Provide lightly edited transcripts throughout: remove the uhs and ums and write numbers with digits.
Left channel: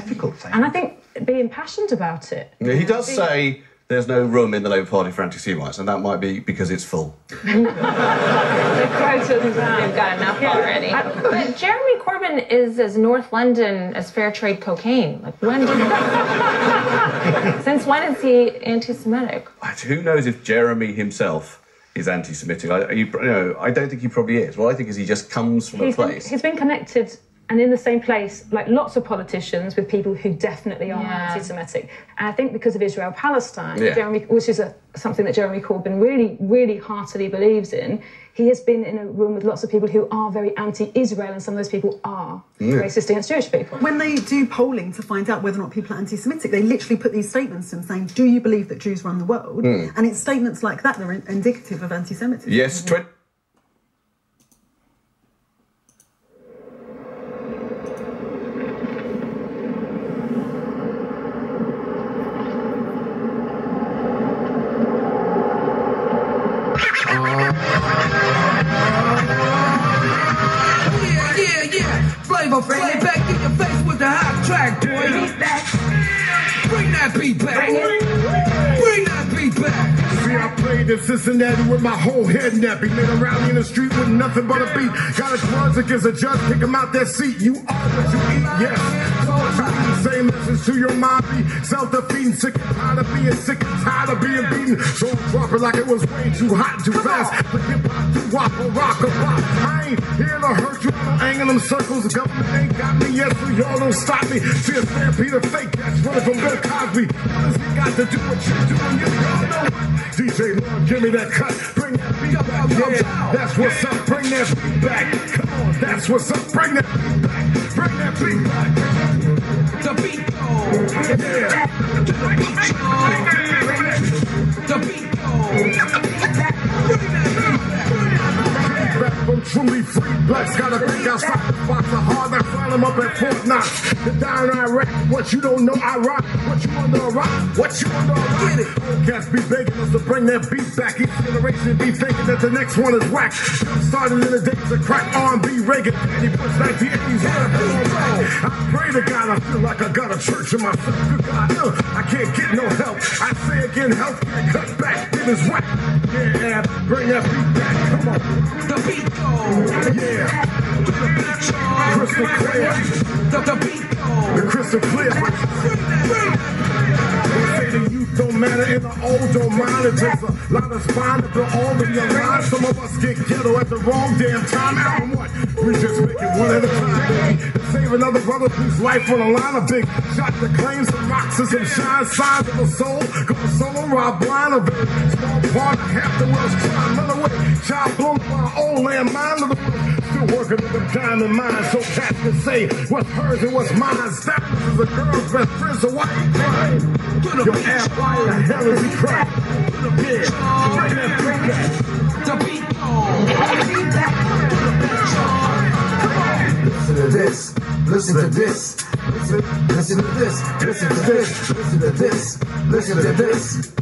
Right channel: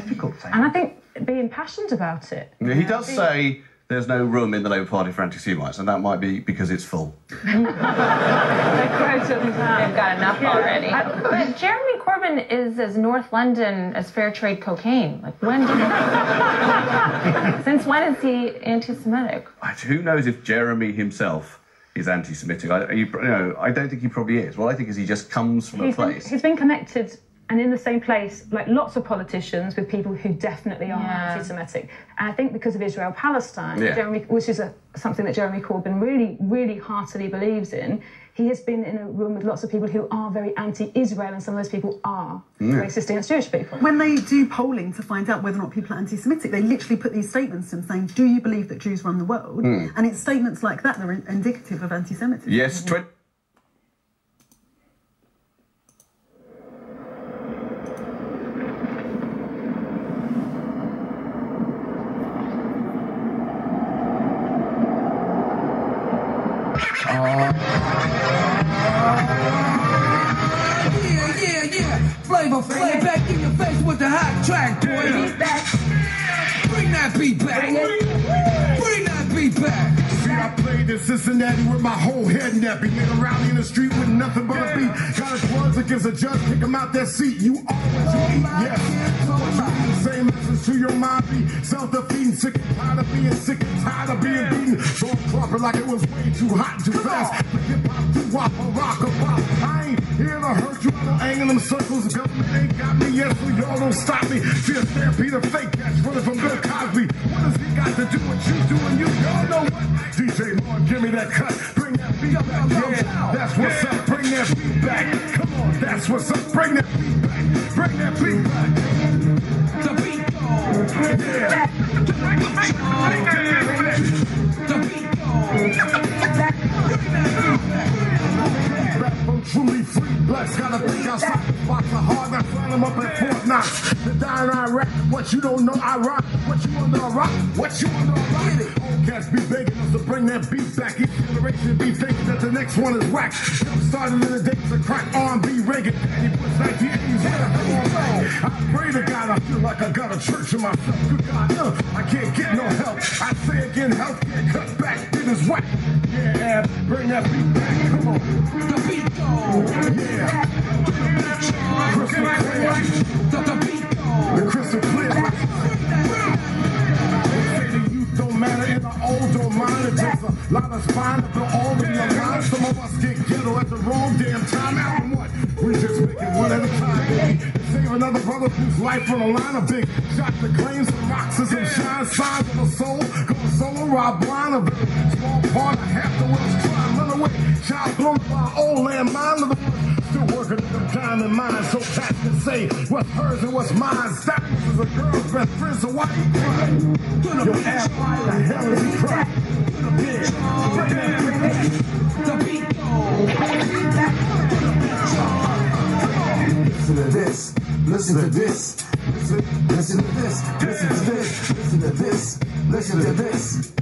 difficult thing. And I think being passionate about it. Yeah, he does say there's no room in the Labour Party for anti-Semites, and that might be because it's full. They've got enough already. But Jeremy Corbyn is as North London as fair trade cocaine. Like, when did since when is he anti-Semitic? Who knows if Jeremy himself is anti-Semitic? I don't think he probably is. What I think is he just comes from a place. He's been connected and in the same place, like lots of politicians, with people who definitely are anti-Semitic. And I think because of Israel-Palestine, which is something that Jeremy Corbyn really, really heartily believes in, he has been in a room with lots of people who are very anti-Israel, and some of those people are racist against Jewish people. When they do polling to find out whether or not people are anti-Semitic, they literally put these statements to them saying, do you believe that Jews run the world? And it's statements like that that are indicative of anti-Semitism. Yes, Flavor, bring it back in your face with the hot track, boy. Bring that beat back. Bring that beat back. See, I played in Cincinnati with my whole head nappy. Led around me in the street with nothing but a beat. Got a charge against a judge, kick him out that seat. You are what you eat, yes. Same message to your mom, be self-defeating, sick and tired of being sick and tired of being beaten. So drop it like it was way too hot, too fast. But hip-hop, do wop, a rock, a pop. I ain't here to hurt you. I ain't in them circles. The government ain't got me yet, so y'all don't stop me. See a stampede of fake that's running from Bill Cosby. What does he got to do with you doing? You all know what? DJ Lord, give me that cut. Bring that beat back. Yeah, that's what's up. Bring that beat back. Come on, that's what's up. Bring that beat back. Bring that beat back. The beat goes. Yeah. The beat I'm truly free. Blacks gotta think outside the box. The hard that find them up at Fort Knox. The dying Iraq. What you don't know, I rock. What you under a rock? What you under a rock? Get it. Old cats be begging us to bring that beat back. Each generation be thinking that the next one is whack. Started in the days of crack R&B Reagan. He puts 1980s. I pray to God I feel like I got a church in myself. I can't get no help. I say again, help get cut back. It is right. Yeah, bring that beat back. Come on. The beat goes. Yeah. Crystal clear. The beat goes. The crystal clear. Say the youth don't matter and the old don't mind. It takes a lot of spine to all of your mind. Some of us get ghetto at the wrong damn time. Now what? We just make it one at a time. Save another brother whose life on the line. A big shot that claims some rocks and some shine signs of a soul. Go solo, rob blind of it. Small part of half the world's trying to run away. Child blown by our own land, mine of the one. Still working with them diamond mines so cats can say what's hers and what's mine. Diamonds is a girl's best friend's a white crime. Your ass, why the hell is he crying? The beat. Listen to this. Listen to this. Listen to this. Listen to this. Listen to this. Listen to this.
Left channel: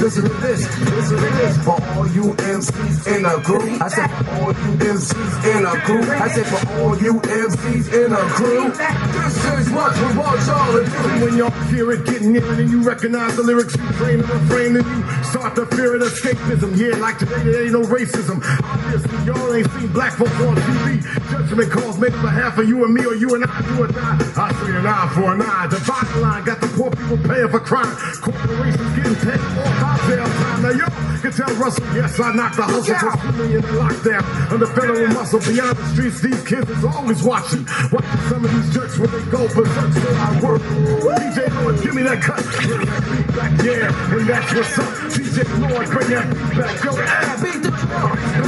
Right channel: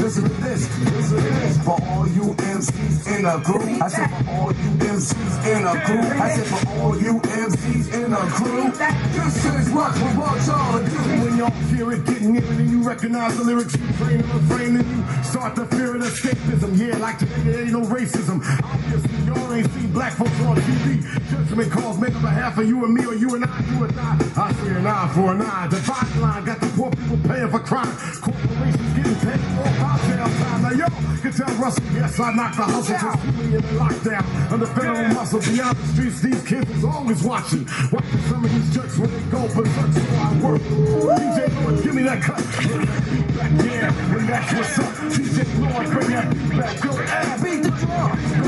Listen to this. Listen to this. For all you MCs in a crew. I said for all you MCs in a crew. I said for all you MCs in a crew. This is what we want y'all to do. When y'all hear it getting in and you recognize the lyrics, you frame the refrain and you start to fear it escapism. Yeah, like today there ain't no racism. Obviously y'all ain't seen black folks on TV. Judgment calls made for half of you and me or you and I, you and I. I see an eye for an eye. The bottom line got the poor people paying for crime. Corporations getting paid more cocktail time. Now y'all can tell Russell, yes, I knocked the hustle for schooling in the lockdown. Under federal muscle, beyond the streets, these kids is always watching. Watching some of these jerks when they go berserk, so I work. DJ Lord, give me that cut. Bring that beat back, yeah, and that's what's up. DJ Lord, bring that beat back. Yo, beat the drum.